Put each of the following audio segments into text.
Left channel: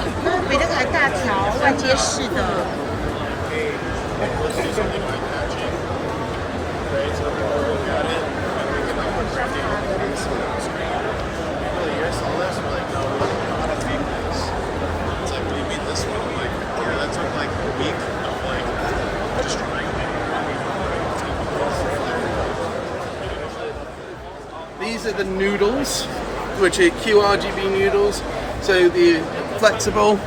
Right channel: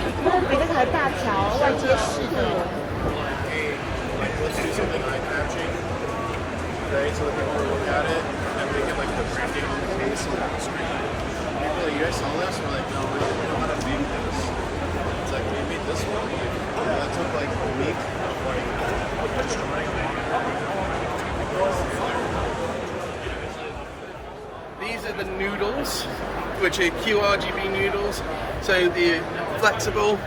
比这个还大条，外接式的。These are the noodles, which are qRGB noodles. So they're flexible.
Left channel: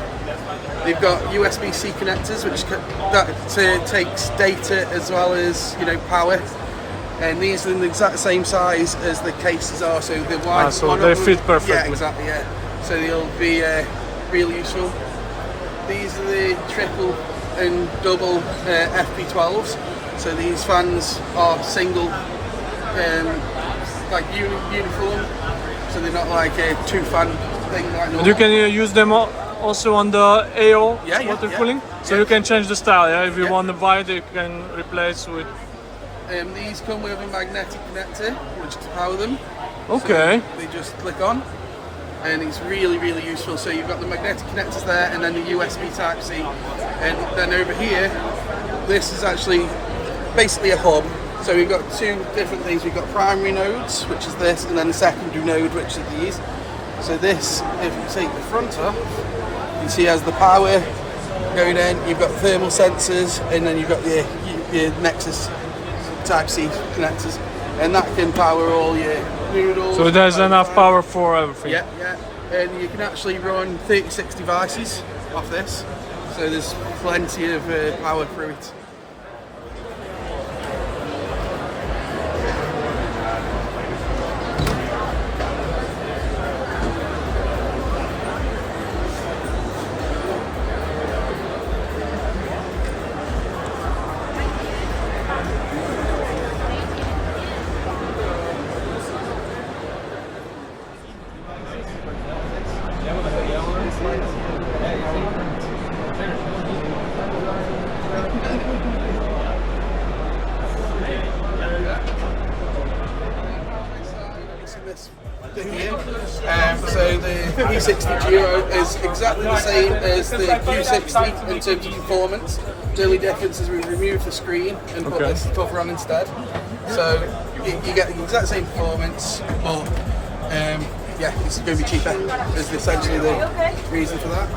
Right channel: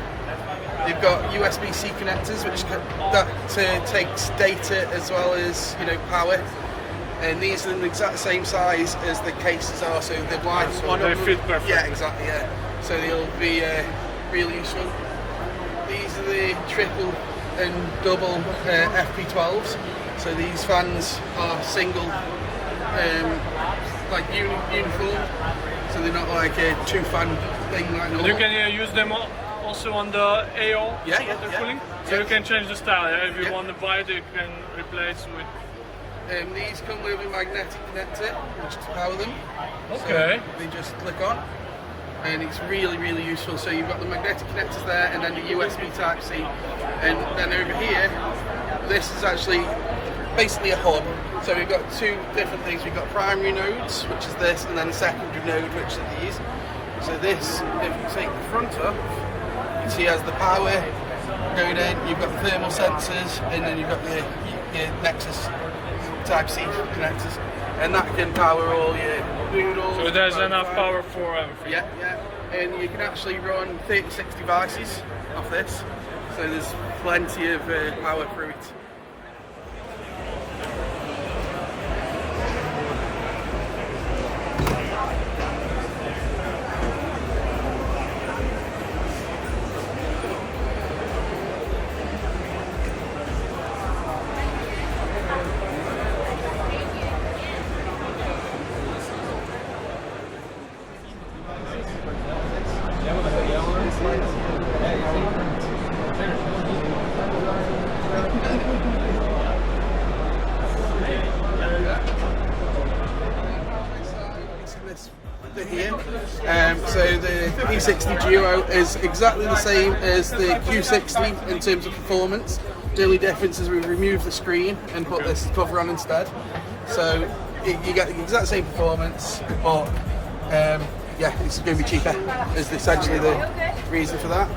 They've got USB-C connectors, which takes data as well as power. And these are the exact same size as the cases are, so they're wide. So they fit perfectly. Yeah, exactly. Yeah. So they'll be really useful. These are the triple and double FP12s. So these fans are single, like uniform. So they're not like a two-fan thing like normal. And you can use them also on the AO water cooling. So you can change the style. Yeah, if you want to buy it, you can replace with. These come with a magnetic connector, which to power them. Okay. So they just click on, and it's really, really useful. So you've got the magnetic connectors there, and then the USB Type-C, and then over here, this is actually basically a hub. So we've got two different things. We've got primary nodes, which is this, and then a secondary node, which are these. So this, if you take the front off, you see has the power node in. You've got thermal sensors, and then you've got your Nexus Type-C connectors, and that can power all your noodles. So there's enough power for everything. Yeah, yeah. And you can actually run 36 devices off this. So there's plenty of power through it. So the E60 Duo is exactly the same as the Q60 in terms of performance. The only difference is we removed the screen and put this cover on instead. So you get the exact same performance, but yeah, it's going to be cheaper. Is essentially the reason for that.